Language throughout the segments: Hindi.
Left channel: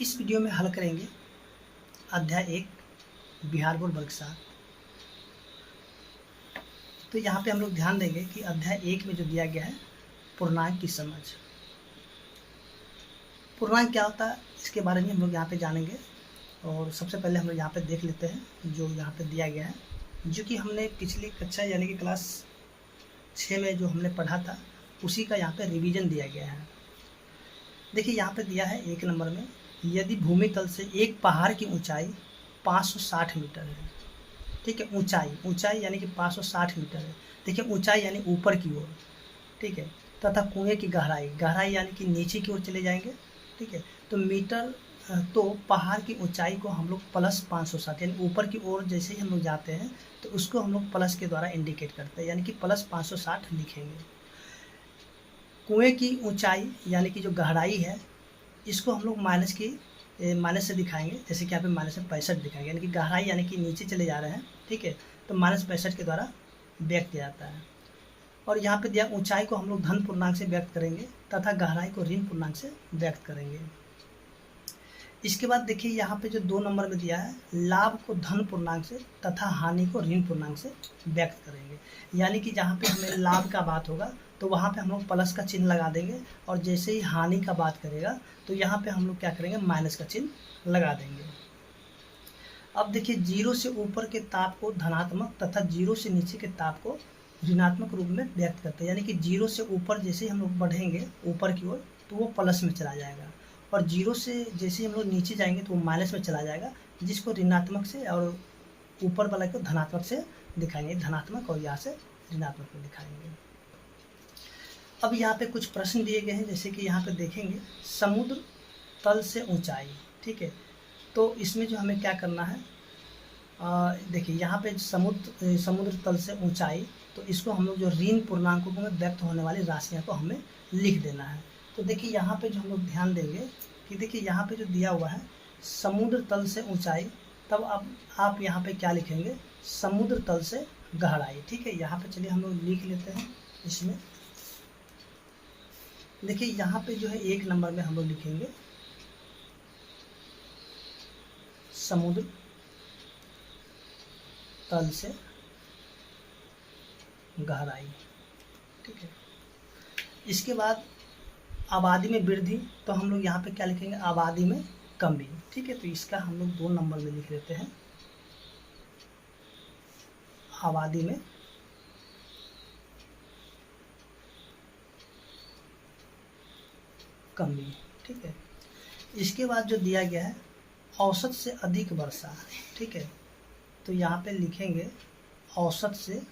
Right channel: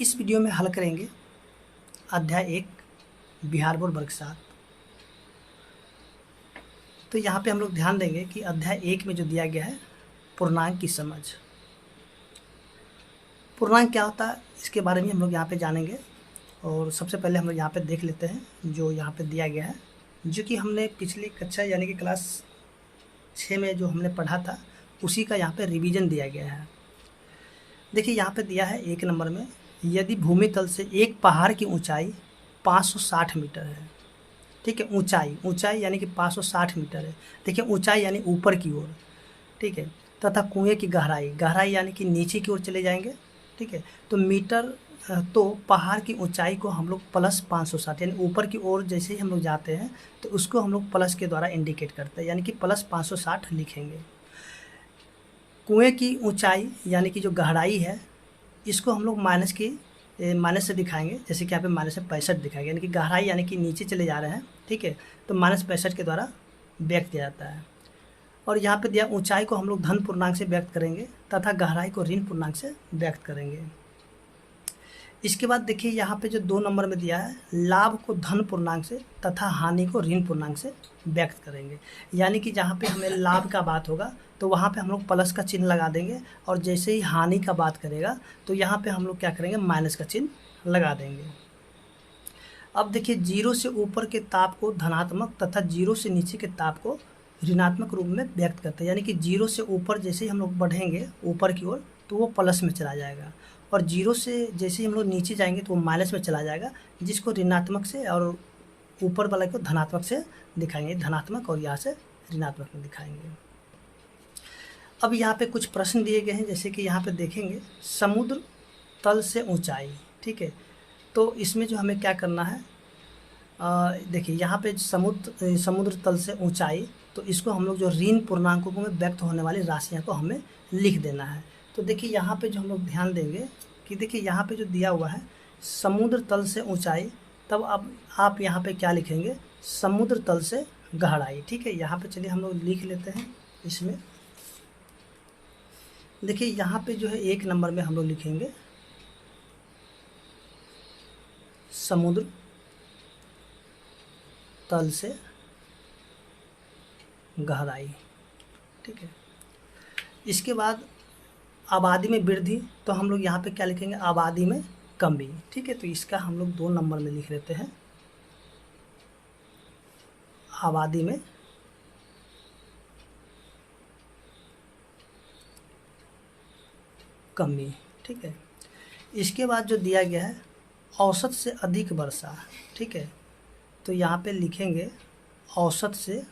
इस वीडियो में हल करेंगे अध्याय 1 बिहार बोर्ड वर्ग 7। तो यहाँ पे हम लोग ध्यान देंगे कि अध्याय 1 में जो दिया गया है पूर्णांक की समझ। पूर्णांक क्या होता है इसके बारे में हम लोग यहाँ पे जानेंगे। और सबसे पहले हम लोग यहाँ पे देख लेते हैं जो यहाँ पे दिया गया है, जो कि हमने पिछली कक्षा यानी कि क्लास 6 में जो हमने पढ़ा था उसी का यहाँ पे रिवीजन दिया गया है। देखिए यहाँ पे दिया है 1 नंबर में, यदि भूमि तल से एक पहाड़ की ऊंचाई 560 मीटर है। ठीक है, ऊंचाई यानी कि 560 मीटर है। देखिए ऊंचाई यानी ऊपर की ओर, ठीक है, तथा कुएं की गहराई यानी कि नीचे की ओर चले जाएंगे। ठीक है, तो मीटर तो पहाड़ की ऊंचाई को हम लोग प्लस 560 यानी ऊपर की ओर जैसे ही हम लोग जाते हैं तो उसको हम लोग प्लस के द्वारा इंडिकेट करते हैं, यानी कि प्लस 560 लिखेंगे। कुएं की ऊंचाई यानी कि जो गहराई है इसको हम लोग माइनस से दिखाएंगे, जैसे कि यहाँ पे माइनस से 65 दिखाएंगे, यानी कि गहराई यानी कि नीचे चले जा रहे हैं। ठीक है, तो माइनस 65 के द्वारा व्यक्त किया जाता है। और यहाँ पे दिया ऊंचाई को हम लोग धन पूर्णांक से व्यक्त करेंगे तथा गहराई को ऋण पूर्णांक से व्यक्त करेंगे। इसके बाद देखिए यहाँ पे जो 2 नंबर में दिया है, लाभ को धन पूर्णांक से तथा हानि को ऋण पूर्णांक से व्यक्त करेंगे। यानी कि जहाँ पे हमें लाभ का बात होगा तो वहाँ पे हम लोग प्लस का चिन्ह लगा देंगे, और जैसे ही हानि का बात करेगा तो यहाँ पे हम लोग क्या करेंगे, माइनस का चिन्ह लगा देंगे। अब देखिए 0 से ऊपर के ताप को धनात्मक तथा 0 से नीचे के ताप को ऋणात्मक रूप में व्यक्त करते हैं। यानी कि 0 से ऊपर जैसे ही हम लोग बढ़ेंगे ऊपर की ओर तो वो प्लस में चला जाएगा, और 0 से जैसे ही हम लोग नीचे जाएंगे तो वो माइनस में चला जाएगा, जिसको ऋणात्मक से और ऊपर वाले को धनात्मक से दिखाएंगे, धनात्मक, और यहाँ से ऋणात्मक में दिखाएंगे। अब यहाँ पे कुछ प्रश्न दिए गए हैं, जैसे कि यहाँ पे देखेंगे समुद्र तल से ऊंचाई। ठीक है, तो इसमें जो हमें क्या करना है, देखिए यहाँ पे समुद्र तल से ऊंचाई, तो इसको हम लोग जो ऋण पूर्णांकों में व्यक्त होने वाली राशियाँ को हमें लिख देना है। तो देखिए यहाँ पे जो हम लोग ध्यान देंगे कि देखिए यहाँ पे जो दिया हुआ है समुद्र तल से ऊंचाई, तब अब आप यहाँ पे क्या लिखेंगे, समुद्र तल से गहराई। ठीक है, यहाँ पे चलिए हम लोग लिख लेते हैं। इसमें देखिए यहाँ पे जो है 1 नंबर में हम लोग लिखेंगे समुद्र तल से गहराई। ठीक है, इसके बाद आबादी में वृद्धि, तो हम लोग यहाँ पे क्या लिखेंगे, आबादी में कमी। ठीक है, तो इसका हम लोग 2 नंबर में लिख लेते हैं, आबादी में कमी। ठीक है, इसके बाद जो दिया गया है औसत से अधिक वर्षा। ठीक है, तो यहाँ पे लिखेंगे औसत से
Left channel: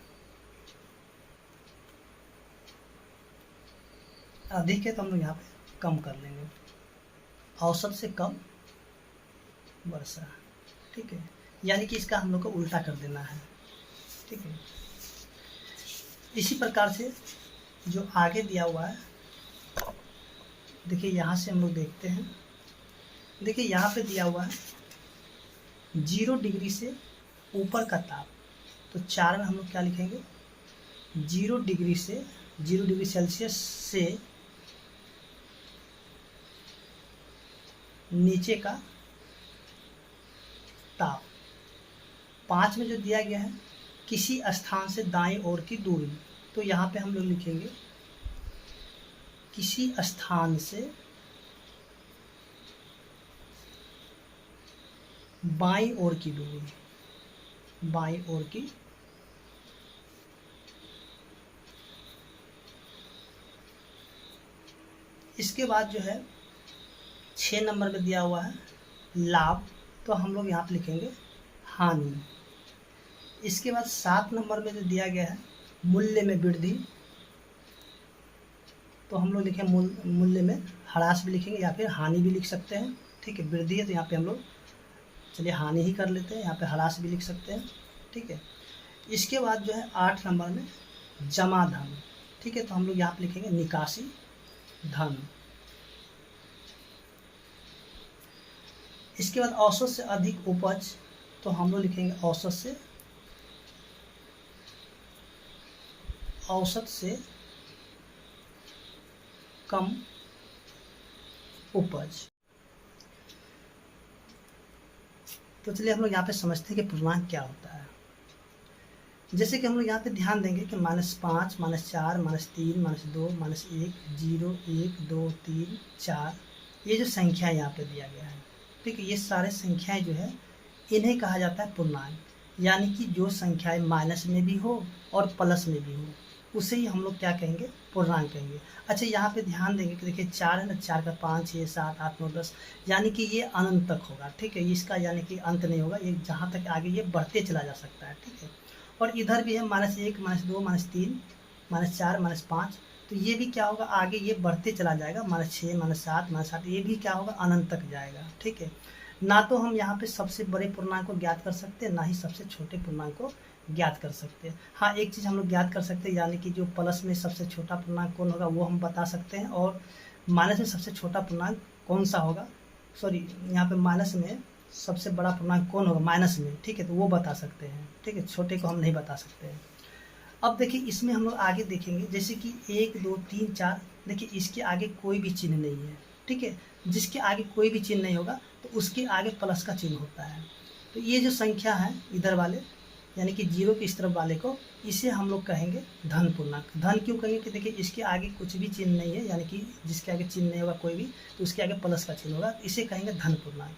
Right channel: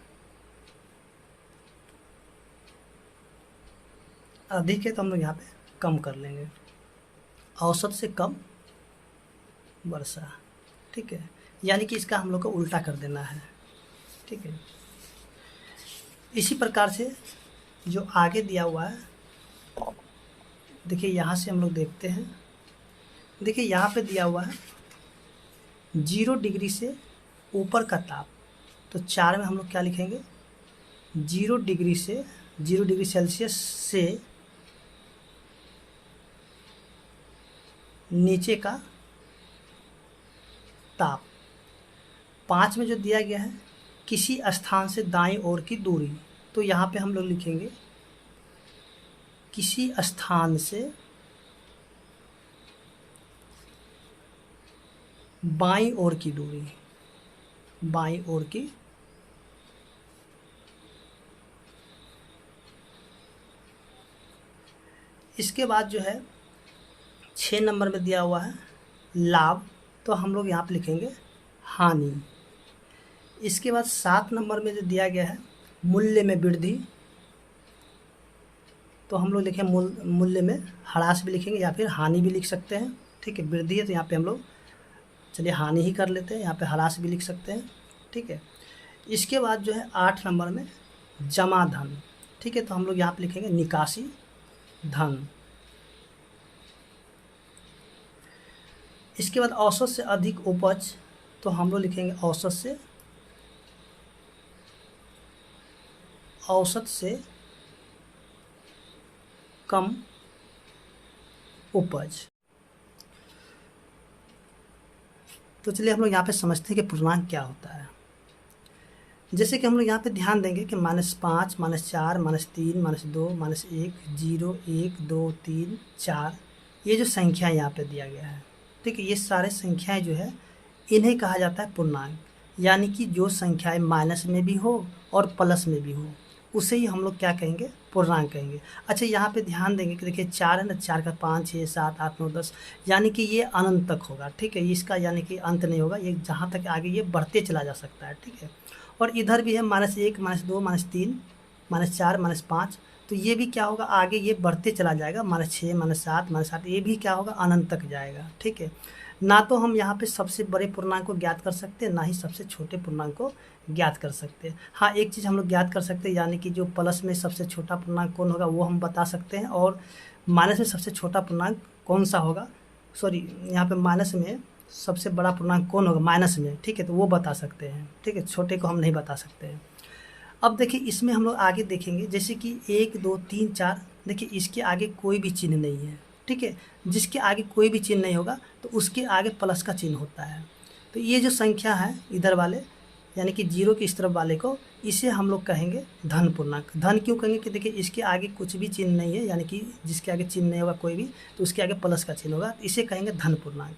अधिक है तो हम लोग यहाँ पे कम कर लेंगे, औसत से कम वर्षा। ठीक है, यानी कि इसका हम लोग को उल्टा कर देना है। ठीक है, इसी प्रकार से जो आगे दिया हुआ है, देखिए यहाँ से हम लोग देखते हैं। देखिए यहाँ पे दिया हुआ है 0 डिग्री से ऊपर का ताप, तो 4 में हम लोग क्या लिखेंगे, 0 डिग्री सेल्सियस से नीचे का ताप। 5 में जो दिया गया है किसी स्थान से दाईं ओर की दूरी, तो यहाँ पे हम लोग लिखेंगे किसी स्थान से बाईं ओर की दूरी, बाईं ओर की। इसके बाद जो है 6 नंबर में दिया हुआ है लाभ, तो हम लोग यहाँ पे लिखेंगे हानि। इसके बाद 7 नंबर में जो दिया गया है मूल्य में वृद्धि, तो हम लोग लिखें मूल्य में ह्रास भी लिखेंगे या फिर हानि भी लिख सकते हैं। ठीक है, वृद्धि है तो यहाँ पे हम लोग चलिए हानि ही कर लेते हैं, यहाँ पे ह्रास भी लिख सकते हैं। ठीक है, इसके बाद जो है 8 नंबर में जमा धन। ठीक है, तो हम लोग यहाँ पे लिखेंगे निकासी धन। इसके बाद औसत से अधिक उपज, तो हम लोग लिखेंगे औसत से कम उपज। तो चलिए हम लोग यहाँ पे समझते हैं कि पूर्णांक क्या होता है। जैसे कि हम लोग यहाँ पे ध्यान देंगे कि -5, -4, -3, -2, -1, 0, 1, 2, 3, 4, ये जो संख्या यहाँ पे दिया गया है, ठीक है, ये सारे संख्याएं जो है इन्हें कहा जाता है पूर्णांक। यानी कि जो संख्याएं माइनस में भी हो और प्लस में भी हो उसे ही हम लोग क्या कहेंगे, पूर्णांक कहेंगे। अच्छा, यहाँ पे ध्यान देंगे कि देखिए 4 है ना, 4 का 5, 6, 7, 8, 9, 10, यानी कि ये अनंत तक होगा, ठीक है, इसका यानी कि अंत नहीं होगा, ये जहाँ तक आगे ये बढ़ते चला जा सकता है, ठीक है। और इधर भी है -1, -2, -3, -4, -5, तो ये भी क्या होगा, आगे ये बढ़ते चला जाएगा, -6, -7, -8, ये भी क्या होगा, अनंत तक जाएगा, ठीक है। ना तो हम यहाँ पे सबसे बड़े पूर्णांक को ज्ञात कर सकते हैं, ना ही सबसे छोटे पूर्णांक को ज्ञात कर सकते हैं। हाँ, एक चीज़ हम लोग ज्ञात कर सकते हैं, यानी कि जो प्लस में सबसे छोटा पूर्णांक कौन होगा वो हम बता सकते हैं, और माइनस में सबसे छोटा पूर्णांक कौन सा होगा, सॉरी यहाँ पे माइनस में सबसे बड़ा पूर्णांक कौन होगा माइनस में, ठीक है, तो वो बता सकते हैं, ठीक है, छोटे को हम नहीं बता सकते हैं। अब देखिए इसमें हम लोग आगे देखेंगे, जैसे कि 1, 2, 3, 4, देखिए इसके आगे कोई भी चिन्ह नहीं है, ठीक है, जिसके आगे कोई भी चिन्ह नहीं होगा तो उसके आगे प्लस का चिन्ह होता है। तो ये जो संख्या है इधर वाले, यानी कि 0 की इस तरफ वाले को, इसे हम लोग कहेंगे धन पूर्णांक। धन क्यों कहेंगे कि देखिए इसके आगे कुछ भी चिन्ह नहीं है, यानी कि जिसके आगे चिन्ह नहीं होगा कोई भी, तो उसके आगे प्लस का चिन्ह होगा, इसे कहेंगे धन पूर्णांक।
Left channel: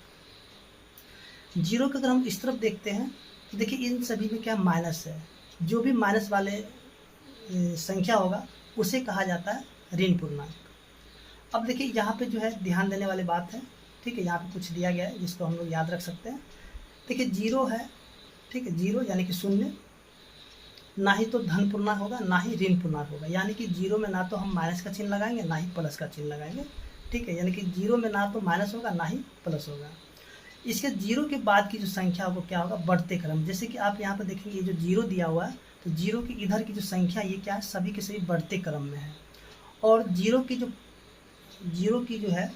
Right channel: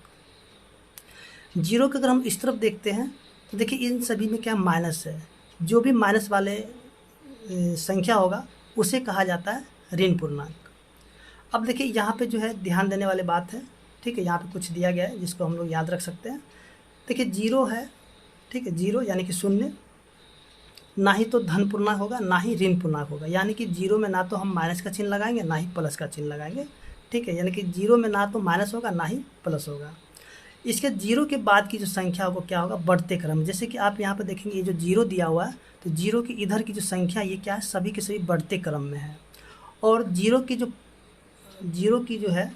0 के अगर हम इस तरफ देखते हैं तो देखिए इन सभी में क्या माइनस है, जो भी माइनस वाले संख्या होगा उसे कहा जाता है ऋण पूर्णांक। अब देखिए यहाँ पे जो है ध्यान देने वाली बात है, ठीक है, यहाँ पे कुछ दिया गया है जिसको हम लोग याद रख सकते हैं। देखिए 0 है, ठीक है, 0 यानी कि शून्य, ना ही तो धन पूर्णांक होगा ना ही ऋण पूर्णांक होगा, यानी कि 0 में ना तो हम माइनस का चिन्ह लगाएंगे ना ही प्लस का चिन्ह लगाएंगे, ठीक है, यानी कि 0 में ना तो माइनस होगा ना ही प्लस होगा। इसके 0 के बाद की जो संख्या होगा क्या होगा, बढ़ते क्रम। जैसे कि आप यहाँ पे देखेंगे ये जो 0 दिया हुआ है, तो 0 की इधर की जो संख्या ये क्या है, सभी के सभी बढ़ते क्रम में है, और 0 की जो है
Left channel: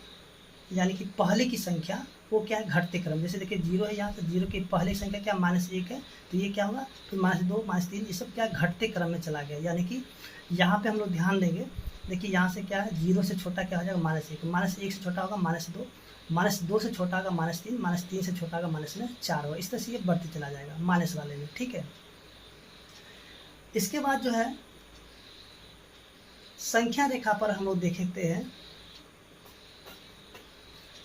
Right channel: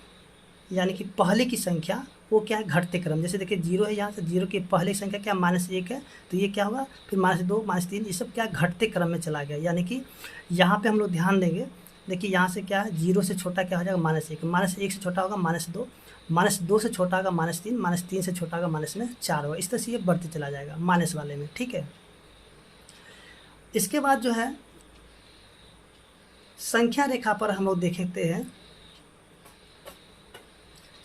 यानी कि पहले की संख्या वो क्या है, घटते क्रम। जैसे देखिए 0 है यहाँ से, 0 की पहले की संख्या क्या, -1 है, तो ये क्या होगा, फिर -2, -3, ये सब क्या घटते क्रम में चला गया। यानी कि यहाँ पे हम लोग ध्यान देंगे, देखिए यहाँ से क्या है, 0 से छोटा क्या हो जाएगा, -1, -1 से छोटा होगा -2, -2 से छोटा होगा -3, -3 से छोटा होगा -4 होगा, इस तरह से ये बढ़ते चला जाएगा माइनस वाले में, ठीक है। इसके बाद जो है संख्या रेखा पर हम लोग देखते हैं,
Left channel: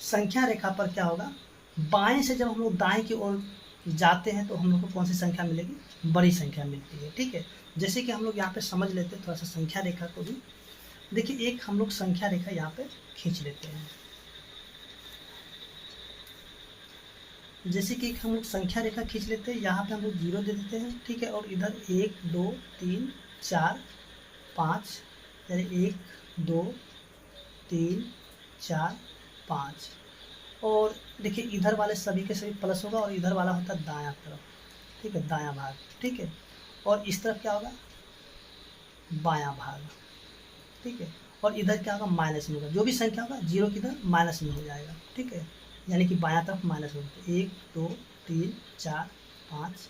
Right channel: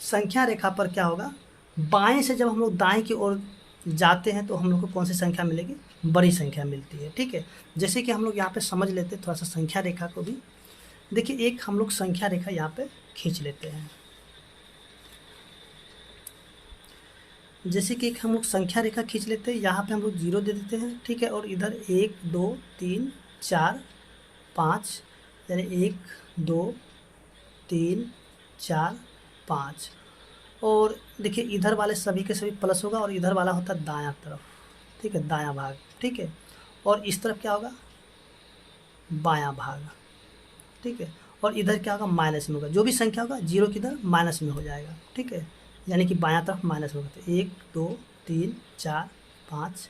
संख्या रेखा पर क्या होगा, बाएं से जब हम लोग दाएं की ओर जाते हैं तो हम लोग को कौन सी संख्या मिलेगी, बड़ी संख्या मिलती है, ठीक है। जैसे कि हम लोग यहाँ पे समझ लेते हैं थोड़ा सा संख्या रेखा को भी। देखिए एक हम लोग संख्या रेखा यहाँ पे खींच लेते हैं, जैसे कि एक हम लोग संख्या रेखा खींच लेते हैं, यहाँ पे हम लोग 0 दे देते हैं, ठीक है, और इधर 1, 2, 3, 4, 5, यानी 1, 2, 3, 4, 5, और देखिए इधर वाले सभी के सभी प्लस होगा, और इधर वाला होता है दायां तरफ, ठीक है, दायां भाग, ठीक है, और इस तरफ क्या होगा, बायां भाग, ठीक है, और इधर क्या होगा, माइनस में होगा, जो भी संख्या होगा 0 की इधर माइनस में हो जाएगा, ठीक है, यानी कि बायां तरफ माइनस होगा। तो 1, 2, 3, 4, 5,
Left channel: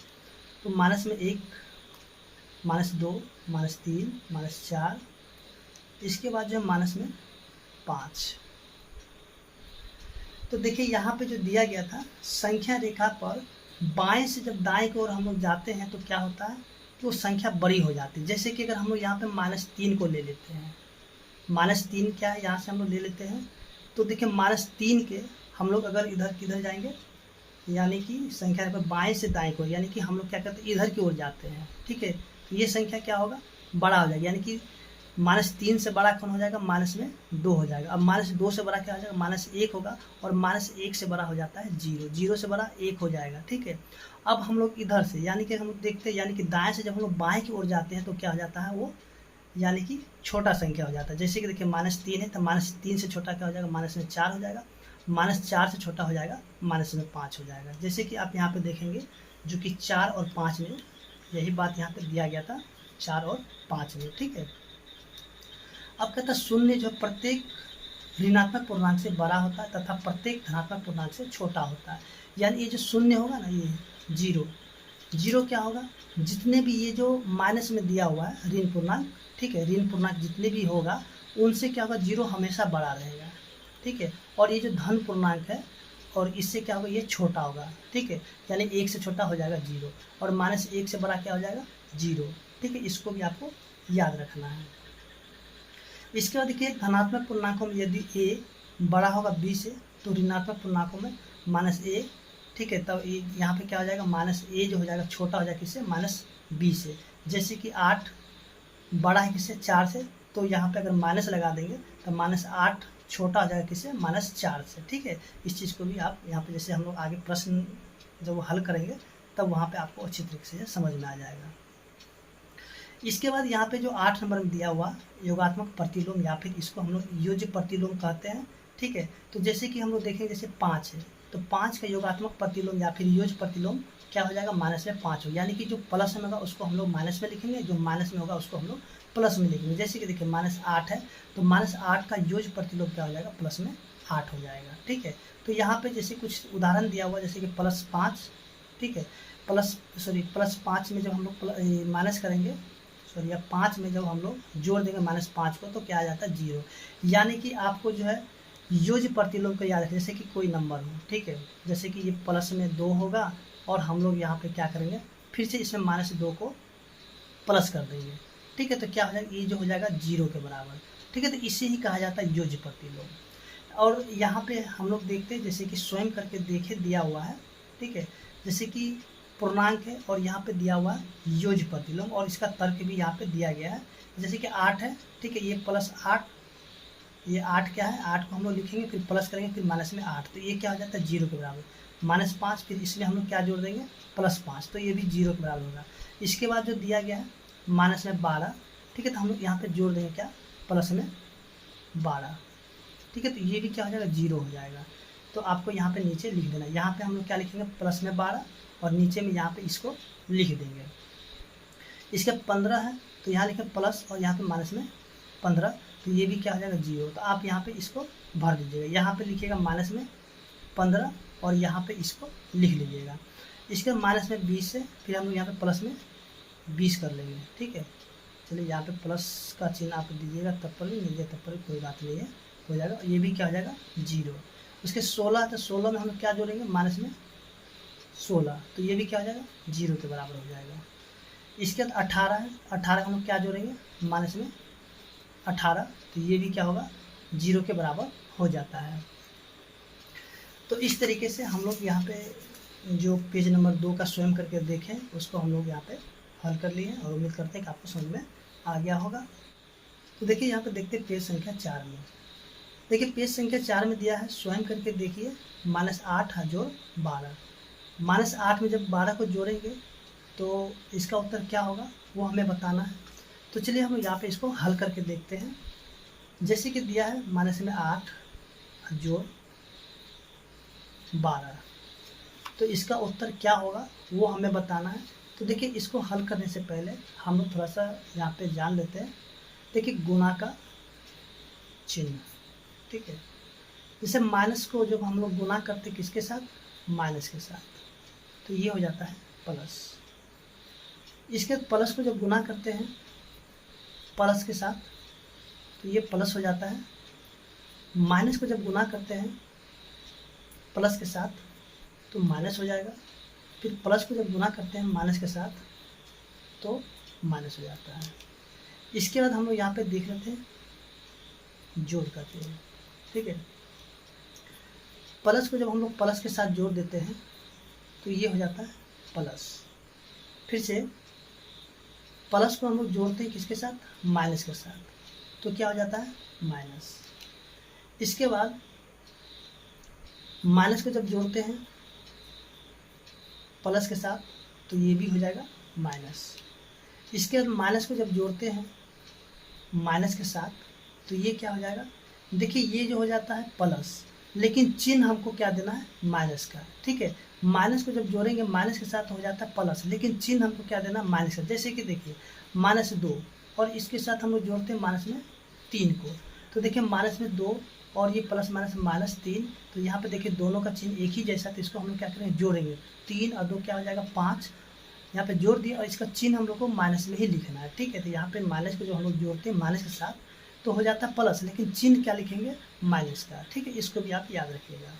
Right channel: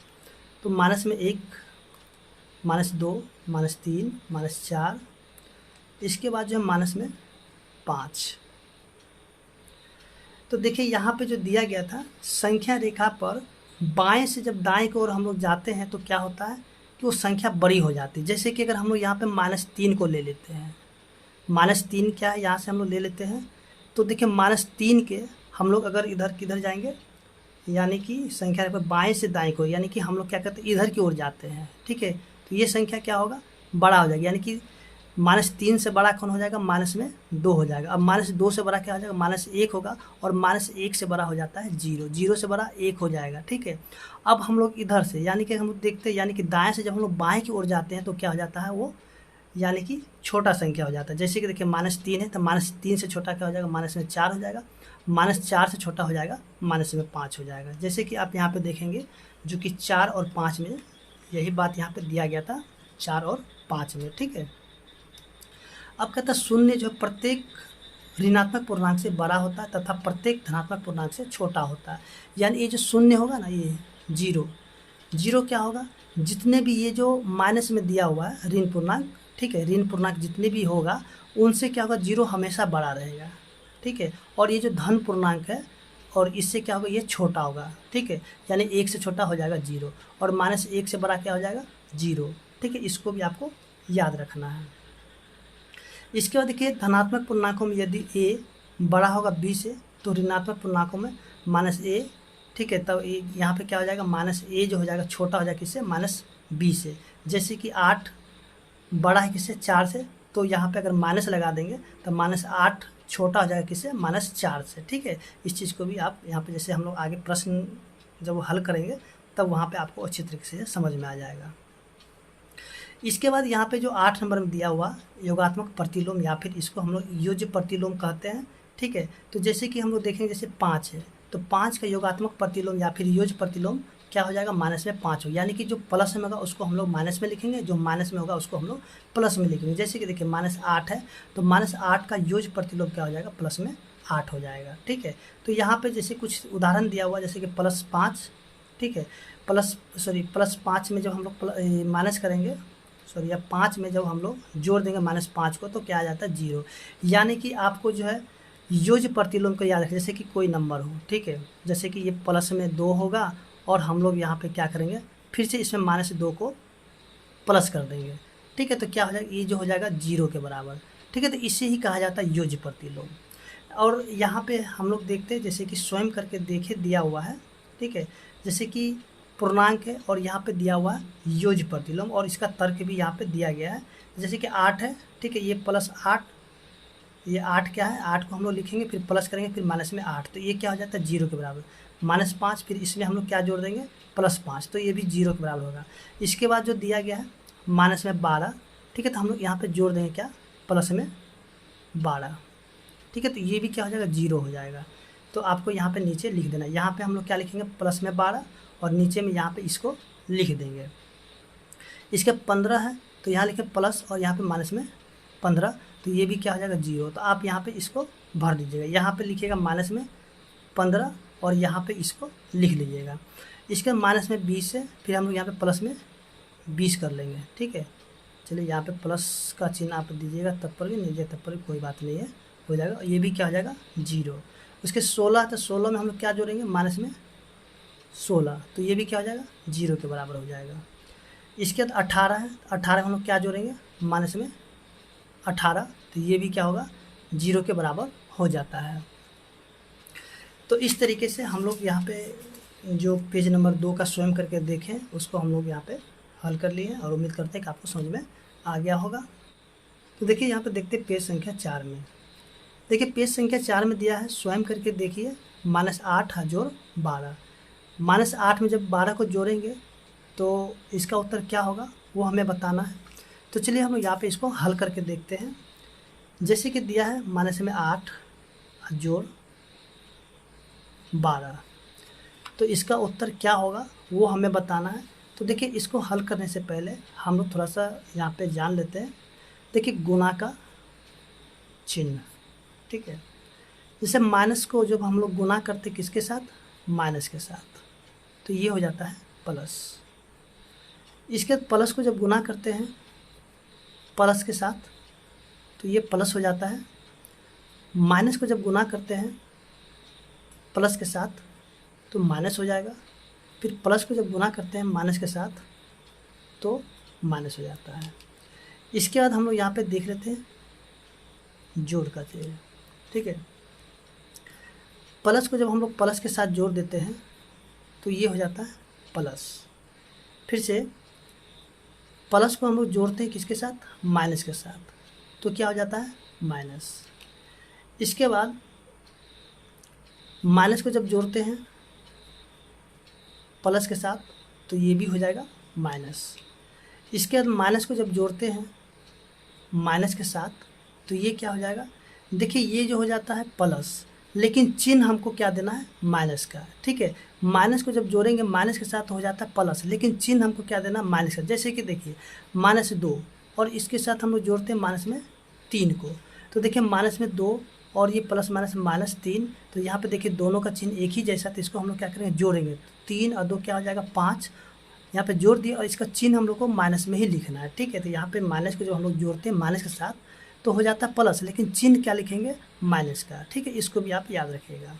तो माइनस में 1, -2, -3, -4, इसके बाद जो है माइनस में 5। तो देखिए यहाँ पे जो दिया गया था, संख्या रेखा पर बाएं से जब दाएं की ओर हम लोग जाते हैं तो क्या होता है कि वो संख्या बड़ी हो जाती है। जैसे कि अगर हम लोग यहाँ पे -3 को ले लेते हैं, -3 क्या है, यहाँ से हम लोग ले लेते हैं, तो देखिए -3 के हम लोग अगर इधर किधर जाएंगे, यानी कि संख्या रेखा पर बाएं से दाएं को, यानी कि हम लोग क्या करते हैं, इधर की ओर जाते हैं, ठीक है, तो ये संख्या क्या होगा, बड़ा हो जाएगा, यानी कि -3 से बड़ा कौन हो जाएगा, -2 हो जाएगा। अब -2 से बड़ा क्या हो जाएगा, -1 होगा, और -1 से बड़ा हो जाता है 0, 0 से बड़ा 1 हो जाएगा, ठीक है। अब हम लोग इधर से यानी कि हम लोग देखते हैं, यानी कि दाएं से जब हम लोग बाएं की ओर जाते हैं तो क्या हो जाता है, वो यानी कि छोटा संख्या हो जाता है। जैसे कि देखिए -3 है, तो -3 से छोटा क्या हो जाएगा, -4 हो जाएगा, -4 से छोटा हो जाएगा, -5 हो जाएगा। जैसे कि आप यहाँ पे देखेंगे, जो कि 4 और 5 में यही बात यहाँ पे दिया गया था, 4 और 5 में, ठीक है। अब कहता है शून्य जो प्रत्येक ऋणात्मक पूर्णांक से बड़ा होता है तथा प्रत्येक धनात्मक पूर्णांक से छोटा होता है। यानी ये जो शून्य होगा ना, ये 0 क्या होगा, जितने भी ये जो माइनस में दिया हुआ है ऋण पूर्णांक, ठीक है, ऋण पूर्णांक जितने भी होगा उनसे क्या होगा, 0 हमेशा बड़ा रहेगा, ठीक है। और ये जो धन पूर्णांक है और इससे क्या होगा, ये छोटा होगा, ठीक है, यानी 1 से छोटा हो जाएगा 0, और -1 से बड़ा क्या हो जाएगा 0, ठीक है, इसको भी आपको याद रखना है। इसके बाद देखिए धनात्मक पूर्णांकों में यदि a बड़ा होगा b से तो ऋणात्मक पूर्णांकों में -a, ठीक है, तब यहाँ पे क्या हो जाएगा, -a जो हो जाएगा छोटा हो जाएगा किससे, -b से। जैसे कि 8 बड़ा है किससे, 4 से, तो यहाँ पे अगर माइनस लगा देंगे तो -8 छोटा हो जाएगा किससे, -4 से, ठीक है। इस चीज़ को भी आप यहाँ पे जैसे हम लोग आगे प्रश्न जब वो हल करेंगे तब वहाँ पे आपको अच्छी तरीके से समझ में आ जाएगा। इसके बाद यहाँ पे जो 8 नंबर में दिया हुआ योगात्मक प्रतिलोम या फिर इसको हम लोग योज्य प्रतिलोम कहते हैं, ठीक है। तो जैसे कि हम लोग देखेंगे जैसे 5 है तो 5 का योगात्मक प्रतिलोम या फिर योज्य प्रतिलोम क्या हो जाएगा, -5 हो, यानी कि जो प्लस में होगा उसको हम लोग माइनस में लिखेंगे, जो माइनस में होगा उसको हम लोग प्लस में लिखेंगे। जैसे कि देखिए -8 है तो -8 का योज्य प्रतिलोम क्या हो जाएगा, +8 हो जाएगा, ठीक है। तो यहाँ पे जैसे कुछ उदाहरण दिया हुआ जैसे कि +5, ठीक है, +5 में जब हम लोग माइनस करेंगे, सॉरी अब 5 में जब हम लोग जोड़ देंगे -5 को तो क्या आ जाता है 0, यानी कि आपको जो है योज्य प्रतिलोम को याद रखें। जैसे कि कोई नंबर हो, ठीक है, जैसे कि ये +2 होगा और हम लोग यहाँ पे क्या करेंगे, फिर से इसमें -2 को प्लस कर देंगे, ठीक है, तो क्या हो जाएगा, ये जो हो जाएगा 0 के बराबर, ठीक है। तो इसे ही कहा जाता है योज्य प्रतिलोम। और यहाँ पे हम लोग देखते हैं जैसे कि स्वयं करके देखे दिया हुआ है, ठीक है, जैसे कि पूर्णांक है और यहाँ पे दिया हुआ है योज्य प्रतिलोम और इसका तर्क भी यहाँ पे दिया गया है। जैसे कि 8 है, ठीक है, ये +8, ये 8 क्या है, 8 को हम लोग लिखेंगे फिर प्लस करेंगे फिर माइनस में 8, तो ये क्या हो जाता है 0 के बराबर, -5 फिर इसमें हम लोग क्या जोड़ देंगे +5, तो ये भी 0 के बराबर होगा। इसके बाद जो दिया गया है -12, ठीक है, तो हम लोग यहाँ पे जोड़ देंगे क्या, +12, ठीक है, तो ये भी क्या हो जाएगा 0 हो जाएगा। तो आपको यहाँ पे नीचे लिख देना, यहाँ पे हम लोग क्या लिखेंगे +12 और नीचे में यहाँ पे इसको लिख देंगे। इसके 15 है तो यहाँ लिखें प्लस और यहाँ पे -15, तो ये भी क्या हो जाएगा 0, तो आप यहाँ पे इसको भर दीजिएगा, यहाँ पे लिखिएगा -15 और यहाँ पे इसको लिख लीजिएगा। इसके -20 है फिर हम लोग यहाँ पे प्लस में 20 कर लेंगे, ठीक है। चलिए यहाँ पे प्लस का चिन्ह आप दीजिएगा तब पर भी, नहीं दिया तब पर भी कोई बात नहीं है, हो जाएगा, ये भी क्या हो जाएगा 0। उसके 16 तो 16 में हम लोग क्या जोड़ेंगे, -16, तो ये भी क्या हो जाएगा 0 के बराबर हो जाएगा। इसके बाद 18 है, 18 हम लोग क्या जोड़ेंगे, -18, तो ये भी क्या होगा 0 के बराबर हो जाता है। तो इस तरीके से हम लोग यहाँ पे जो पेज नंबर 2 का स्वयं करके देखें उसको हम लोग यहाँ पे हल कर लिए और उम्मीद करते हैं कि आपको समझ में आ गया होगा। तो देखिए यहाँ पे देखते हैं पेज संख्या 4 में, देखिए पेज संख्या 4 में दिया है स्वयं करके देखिए, -8 जोड़ 12, -8 में जब 12 को जोड़ेंगे तो इसका उत्तर क्या होगा वो हमें बताना है। तो चलिए हम यहाँ पे इसको हल करके देखते हैं। जैसे कि दिया है -8 जोड़ 12, तो इसका उत्तर क्या होगा वो हमें बताना है। तो देखिए इसको हल करने से पहले हम लोग थोड़ा सा यहाँ पे जान लेते हैं। देखिए गुणा का चिन्ह, ठीक है, जैसे माइनस को जब हम लोग गुणा करते किसके साथ, माइनस के साथ, तो ये हो जाता है प्लस। इसके बाद प्लस को जब गुणा करते हैं प्लस के साथ तो ये प्लस हो जाता है। माइनस को जब गुणा करते हैं प्लस के साथ तो माइनस हो जाएगा। फिर प्लस को जब गुणा करते हैं माइनस के साथ तो माइनस हो जाता है। इसके बाद हम लोग यहाँ पे देख लेते हैं जोड़ करते हैं, ठीक है। प्लस को जब हम लोग प्लस के साथ जोड़ देते हैं तो ये हो जाता है प्लस। फिर से प्लस को हम लोग जोड़ते हैं किसके साथ, माइनस के साथ, तो क्या हो जाता है माइनस। इसके बाद माइनस को जब जोड़ते हैं प्लस के साथ तो ये भी हो जाएगा माइनस। इसके बाद माइनस को जब जोड़ते हैं माइनस के साथ तो ये क्या हो जाएगा, देखिए ये जो हो जाता है प्लस, लेकिन चिन्ह हमको क्या देना है माइनस का, ठीक है। माइनस को जब जोड़ेंगे माइनस के साथ तो हो जाता है प्लस, लेकिन चिन्ह हमको क्या देना माइनस का। जैसे कि देखिए -2 और इसके साथ हम लोग जोड़ते हैं -3 को, तो देखिए -2 और ये प्लस माइनस -3, तो यहाँ पे देखिए दोनों का चिन्ह एक ही जैसा, तो इसको हम लोग क्या करेंगे जोड़ेंगे, 3 और 2 क्या हो जाएगा 5, यहाँ पे जोड़ दिया और इसका चिन्ह हम लोग को माइनस में ही लिखना है, ठीक है। तो यहाँ पे माइनस को जो हम लोग जोड़ते हैं माइनस के साथ तो हो जाता है प्लस, लेकिन चिन्ह क्या लिखेंगे माइनस का, ठीक है। इसको भी आप याद रखिएगा।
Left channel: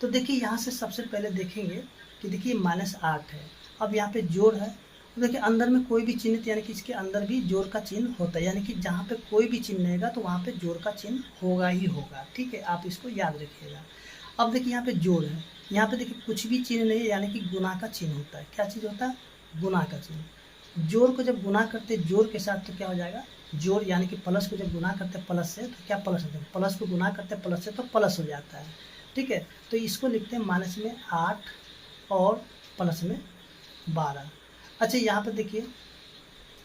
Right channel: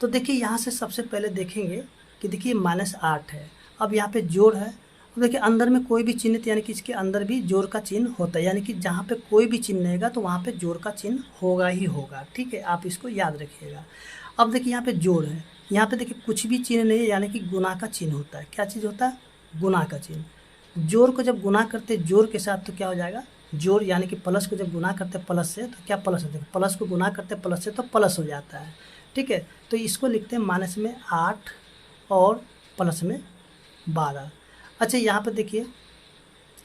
तो देखिए यहाँ से सबसे पहले देखेंगे कि देखिए -8 है। अब यहाँ पे जोड़ है, तो देखिए अंदर में कोई भी चिन्ह, यानी कि इसके अंदर भी जोड़ का चिन्ह होता है, यानी कि जहाँ पे कोई भी चिन्ह रहेगा तो वहाँ पे जोड़ का चिन्ह होगा ही होगा। ठीक है, आप इसको याद रखिएगा। अब देखिए यहाँ पे जोड़ है, यहाँ पे देखिए कुछ भी चिन्ह नहीं है, यानी कि गुना का चिन्ह होता है। क्या चीज़ होता है? गुना का चिन्ह। जोड़ को जब गुना करते जोड़ के साथ तो क्या हो जाएगा? जोड़, यानी कि प्लस को जब गुना करते प्लस से तो क्या प्लस हो जाएगा? प्लस को गुना करते प्लस से तो प्लस हो जाता है। ठीक है, तो इसको लिखते हैं माइनस में 8 और प्लस में 12। अच्छा, यहाँ पे देखिए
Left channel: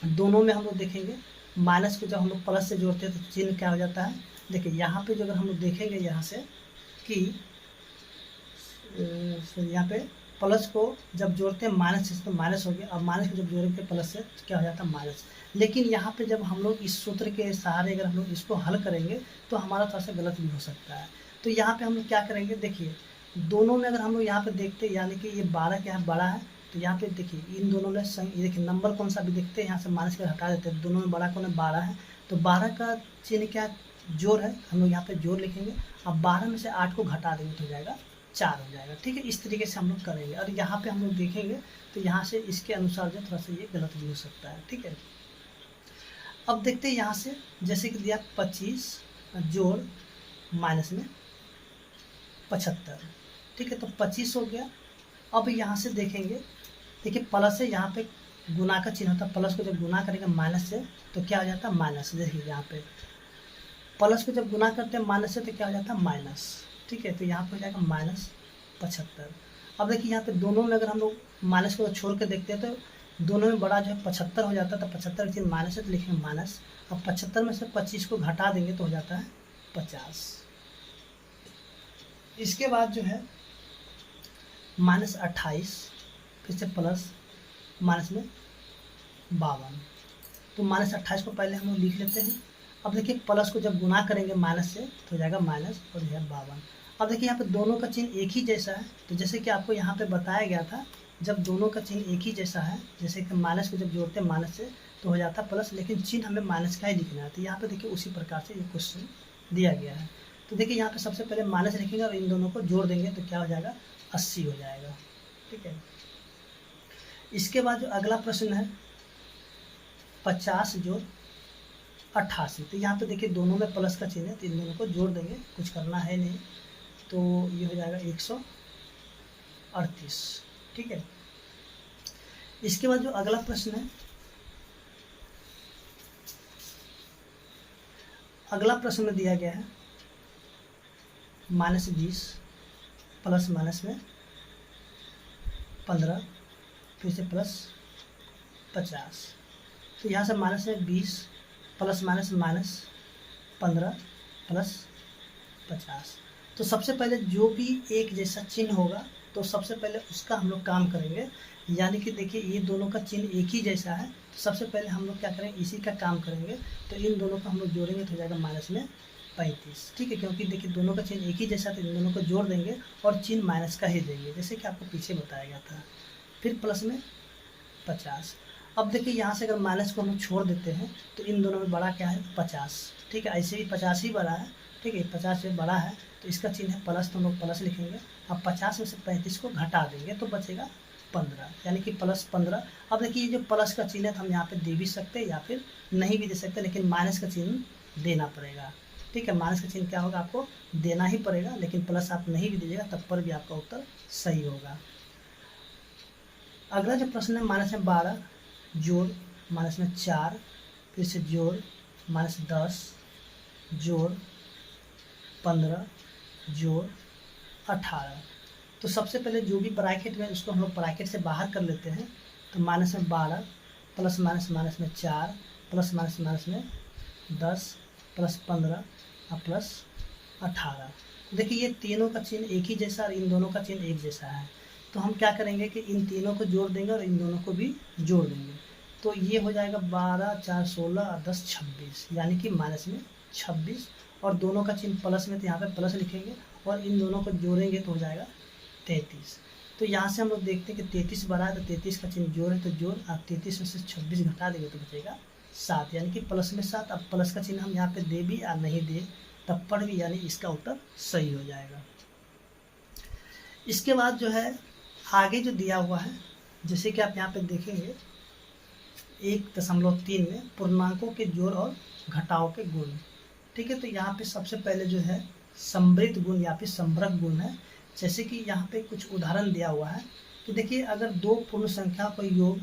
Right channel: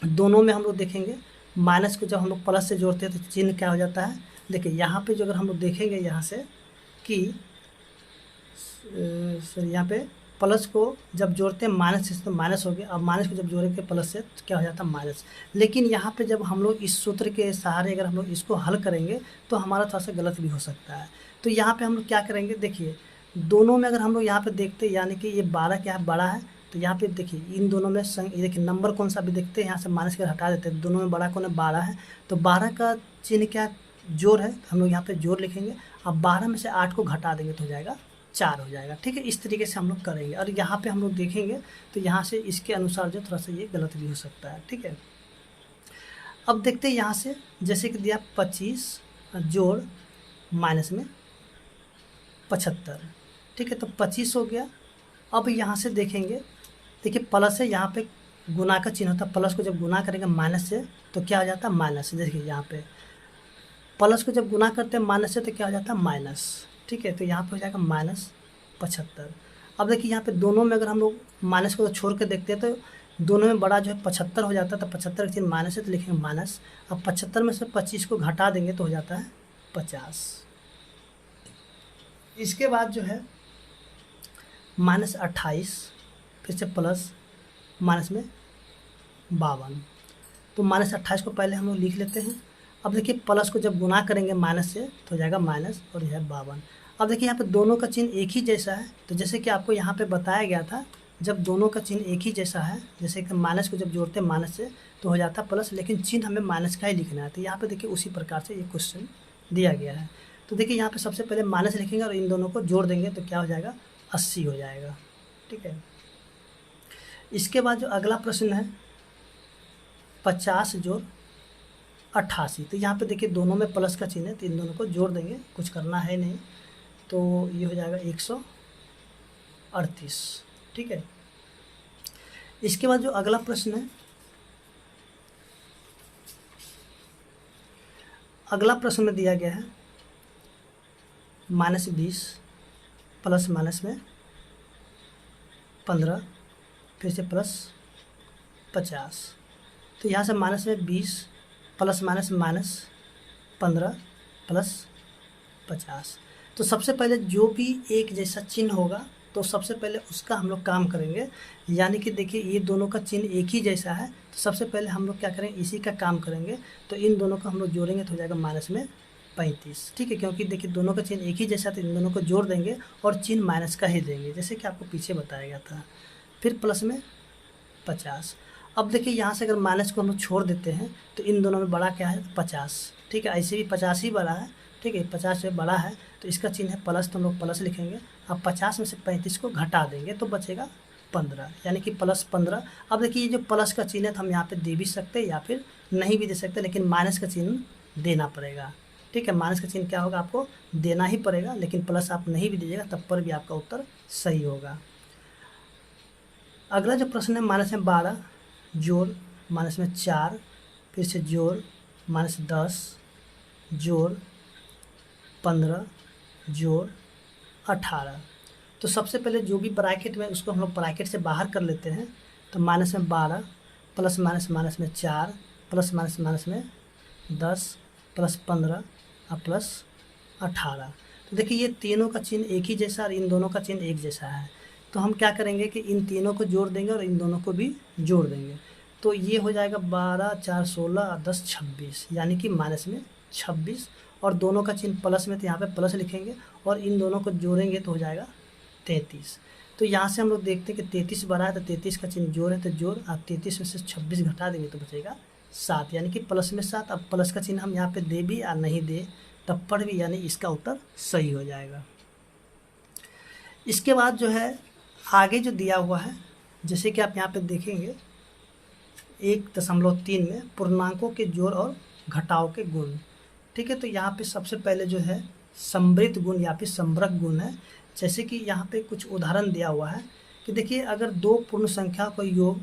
दोनों में हम लोग देखेंगे, माइनस को जब हम लोग प्लस से जोड़ते हैं तो चिन्ह क्या हो जाता है? देखिए यहाँ पे जो अगर हम लोग देखेंगे यहाँ से कि यहाँ पे प्लस को जब जोड़ते हैं माइनस से तो माइनस हो गया, अब माइनस को जब जोड़ेंगे प्लस से तो क्या हो जाता है? माइनस। लेकिन यहाँ पे जब हम लोग इस सूत्र के सहारे अगर हम लोग इसको हल करेंगे तो हमारा थोड़ा सा गलत भी हो सकता है। तो यहाँ पे हम लोग क्या करेंगे, देखिए दोनों में अगर हम लोग यहाँ पे देखते हैं, यानी कि ये 12 क्या है? बड़ा है, तो यहाँ पे देखिए इन दोनों में ये देखिए नंबर कौन सा भी देखते हैं, यहाँ से माइनस के हटा देते हैं, दोनों में बड़ा कौन है? 12 है। तो 12 का चिन्ह क्या? जोड़ है, हम लोग यहाँ पे जोड़ लिखेंगे। अब 12 में से 8 को घटा देंगे तो हो जाएगा 4 हो जाएगा। ठीक है, इस तरीके से हम लोग करेंगे। और यहाँ पे हम लोग देखेंगे तो यहाँ से इसके अनुसार जो थोड़ा सा ये गलत भी हो सकता है। ठीक है, अब देखते हैं यहाँ से, जैसे कि दिया 25 जोड़ माइनस में 75। ठीक है, तो 25 हो गया। अब यहाँ से देखेंगे, देखिए प्लस है, यहाँ पे गुना का चिन्ह होता है, प्लस को जब गुना करेंगे माइनस से तो क्या हो जाता है? माइनस। देखिए यहाँ पे प्लस को जब गुना करते हैं माइनस से तो क्या हो जाता है? माइनस। ठीक है, तो यहाँ पे हो जाएगा -75। अब देखिए यहाँ पे दोनों में अगर हम लोग माइनस को छोड़ के देखते हैं तो दोनों में बड़ा जो है 75 हो जाता है, तो 75 का चिन्ह माइनस है तो लिखेंगे माइनस। अब 75 में से 25 को घटा देंगे तो हो जाता है 50। इसके बाद जो है -28, फिर से प्लस माइनस में 52। तो -28 को पहले हम लोग लिख लेते हैं। अब देखिए प्लस को जब गुना करेंगे माइनस से तो हो जाएगा माइनस और यह है 52। अब देखिए यहाँ पे दोनों का चिन्ह एक ही जैसा है, तो जैसे कि आपको यहाँ पे बताया गया था, जब दोनों का चिन्ह एक ही जैसा है, जैसे कि माइनस को जब जोड़ते हैं माइनस से तो हो जाता है प्लस, लेकिन चिन्ह हमें माइनस का ही लिखना है। तो यहाँ पे देखिए उसी प्रकार से ये क्वेश्चन दिया गया है। तो देखिए यहाँ पे सबसे पहले माइनस लिखेंगे और इन दोनों को जोड़ देंगे तो क्या हो जाएगा? 80 हो जाएगा। ठीक है, इसके बाद जो अगला प्रश्न है 50 जोड़ 88। तो यहाँ पे देखिए दोनों में प्लस का चिन्ह है तो इन दोनों को जोड़ देंगे, कुछ करना है नहीं, तो ये हो जाएगा 138। ठीक है, इसके बाद जो अगला प्रश्न है, अगला प्रश्न में दिया गया है -20 प्लस माइनस में 15, फिर से प्लस 50। तो यहाँ से माइनस में 20 प्लस माइनस -15 प्लस 50। तो सबसे पहले जो भी एक जैसा चिन्ह होगा तो सबसे पहले उसका हम लोग काम करेंगे, यानी कि देखिए ये दोनों का चिन्ह एक ही जैसा है, तो सबसे पहले हम लोग क्या करेंगे? इसी का काम करेंगे। तो इन दोनों को हम लोग जोड़ेंगे तो हो जाएगा माइनस में 35। ठीक है, क्योंकि देखिए दोनों का चिन्ह एक ही जैसा, तो इन दोनों को जोड़ देंगे और चिन्ह माइनस का ही देंगे, जैसे कि आपको पीछे बताया गया था। फिर प्लस में 50। अब देखिए यहाँ से अगर माइनस को हम लोग छोड़ देते हैं तो इन दोनों में बड़ा क्या है? 50। ठीक है, ऐसे ही 50 ही बड़ा है। ठीक है, 50 से बड़ा है तो इसका चिन्ह है प्लस, तो हम लोग प्लस लिखेंगे। अब 50 में से 35 को घटा देंगे तो बचेगा 15, यानी कि प्लस 15। अब देखिए ये जो प्लस का चिन्ह है तो हम यहाँ पे दे भी सकते हैं या फिर नहीं भी दे सकते, लेकिन माइनस का चिन्ह देना पड़ेगा। ठीक है, माइनस का चिन्ह क्या होगा? आपको देना ही पड़ेगा, लेकिन प्लस आप नहीं भी दीजिएगा तब पर भी आपका उत्तर सही होगा। अगला जो प्रश्न है -12 जोड़ माइनस में 4, फिर से जोड़ -10 जोड़ 15 जोड़ 18। तो सबसे पहले जो भी ब्रैकेट में उसको हम लोग ब्रैकेट से बाहर कर लेते हैं। तो माइनस में 12 प्लस माइनस माइनस में 4 प्लस माइनस माइनस में 10 प्लस 15 और प्लस 18। तो देखिए ये तीनों का चिन्ह एक ही जैसा और इन दोनों का चिन्ह एक जैसा है, तो हम क्या करेंगे कि इन तीनों को जोड़ देंगे और इन दोनों को भी जोड़ देंगे। तो ये हो जाएगा 12 4 16 और 10 26, यानी कि माइनस में 26, और दोनों का चिन्ह प्लस में तो यहाँ पे प्लस लिखेंगे और इन दोनों को जोड़ेंगे तो हो जाएगा 33। तो यहाँ से हम लोग देखते हैं कि 33 बड़ा है तो 33 का चिन्ह जोड़ है तो जोड़, आप 33 में से 26 घटा देंगे तो बचेगा 7, यानी कि प्लस में 7। अब प्लस का चिन्ह हम यहाँ पे दे भी या नहीं दे तब पर भी, यानी इसका उत्तर सही हो जाएगा। इसके बाद जो है आगे जो दिया हुआ है, जैसे कि आप यहाँ पे देखेंगे 1.3 में पूर्णांकों के जोड़ और घटाव के गुण। ठीक है, तो यहाँ पे सबसे पहले जो है समृद्ध गुण या फिर समृद्ध गुण है। जैसे कि यहाँ पे कुछ उदाहरण दिया हुआ है कि देखिए, अगर दो पूर्ण संख्या का योग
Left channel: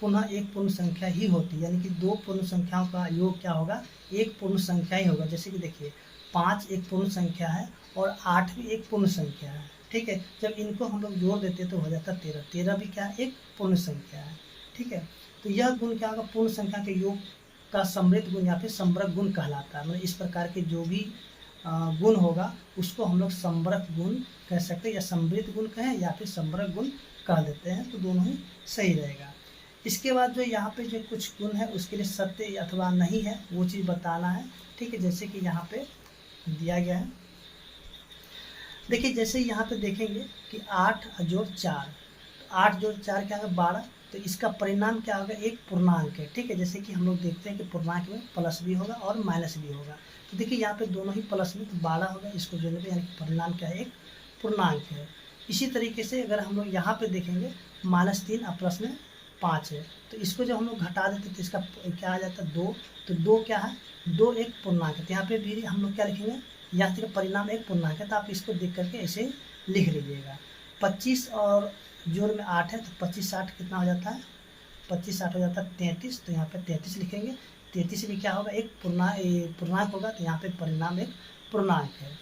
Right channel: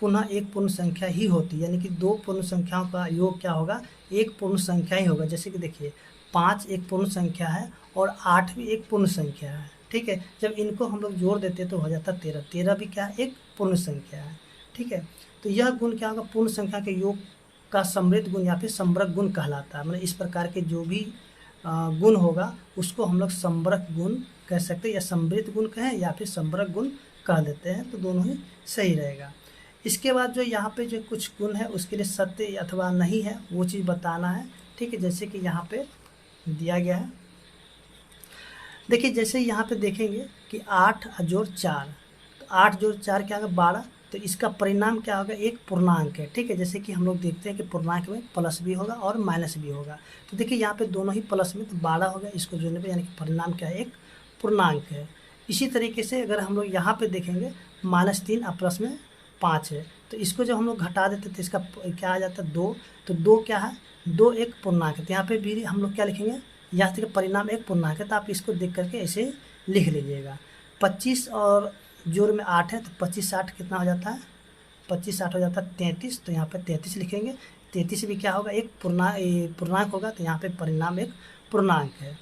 पुनः एक पूर्ण संख्या ही होती, यानी कि दो पूर्ण संख्याओं का योग क्या होगा, एक पूर्ण संख्या ही होगा। जैसे कि देखिए 5 एक पूर्ण संख्या है और 8 भी एक पूर्ण संख्या है। ठीक है, जब इनको हम लोग जोड़ देते हैं तो हो जाता है 13। 13 भी क्या है, एक पूर्ण संख्या है। ठीक है, तो यह गुण क्या होगा, पूर्ण संख्या के योग का समृद्ध गुण या फिर समृद्ध गुण कहलाता है। मतलब इस प्रकार के जो भी गुण होगा उसको हम लोग समृद्ध गुण कह सकते हैं, या समृद्ध गुण कहें या फिर समृद्ध गुण कह देते हैं, तो दोनों ही सही रहेगा। इसके बाद जो यहाँ पे जो कुछ गुण है उसके लिए सत्य अथवा नहीं है वो चीज़ बताना है। ठीक है, जैसे कि यहाँ पे दिया गया है, देखिए जैसे यहाँ पे देखेंगे कि 8 जोड़ 4, तो 8 जोड़ 4 क्या होगा, 12। तो इसका परिणाम क्या होगा, एक पूर्णांक है। ठीक है, जैसे कि हम लोग देखते हैं कि पूर्णांक में प्लस भी होगा और माइनस भी होगा। तो देखिए यहाँ पे दोनों ही प्लस में, तो 12 हो गया, इसको जोड़ने पे यानी कि परिणाम क्या है, एक पूर्णांक है। इसी तरीके से अगर हम लोग यहाँ पे देखेंगे -3 और प्लस में 5 है, तो इसको जब हम लोग घटा देते तो इसका क्या आ जाता है, 2। तो 2 क्या है, 2 एक पूर्णांक है। तो यहाँ पे भी हम लोग क्या लिखेंगे, यहाँ से परिणाम एक पूर्णांक है, तो आप इसको देख करके ऐसे लिख लीजिएगा। 25 और जोड़ में 8 है, तो 25 8 कितना हो जाता है, 25 8 हो जाता है 33। तो यहाँ पे 33 लिखेंगे। 33 भी क्या होगा, एक पूर्णांक होगा, तो यहाँ पे परिणाम एक पूर्णांक है।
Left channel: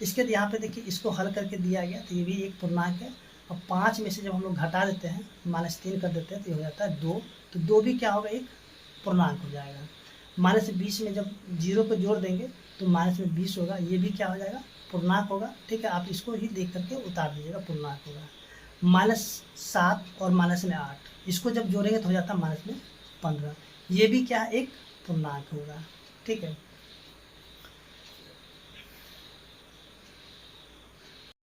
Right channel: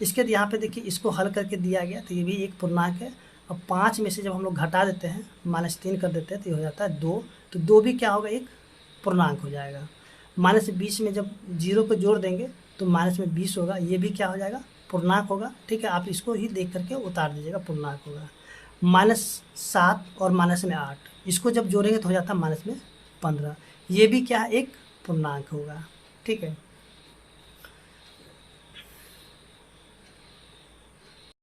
इसके बाद यहाँ पे देखिए इसको हल करके दिया गया, तो ये भी एक पूर्णांक है। और 5 में से जब हम लोग घटा देते हैं -3 कर देते हैं तो ये हो जाता है 2। तो 2 भी क्या होगा, एक पूर्णांक हो जाएगा। -20 में जब 0 को जोड़ देंगे तो माइनस में 20 होगा, ये भी क्या हो जाएगा, पूर्णांक होगा। ठीक है, आप इसको ही देख करके उतार दीजिएगा, पूर्णांक होगा। -7 और -8, इसको जब जोड़ेंगे तो हो जाता है -15, ये भी क्या है, एक पूर्णांक होगा। ठीक है।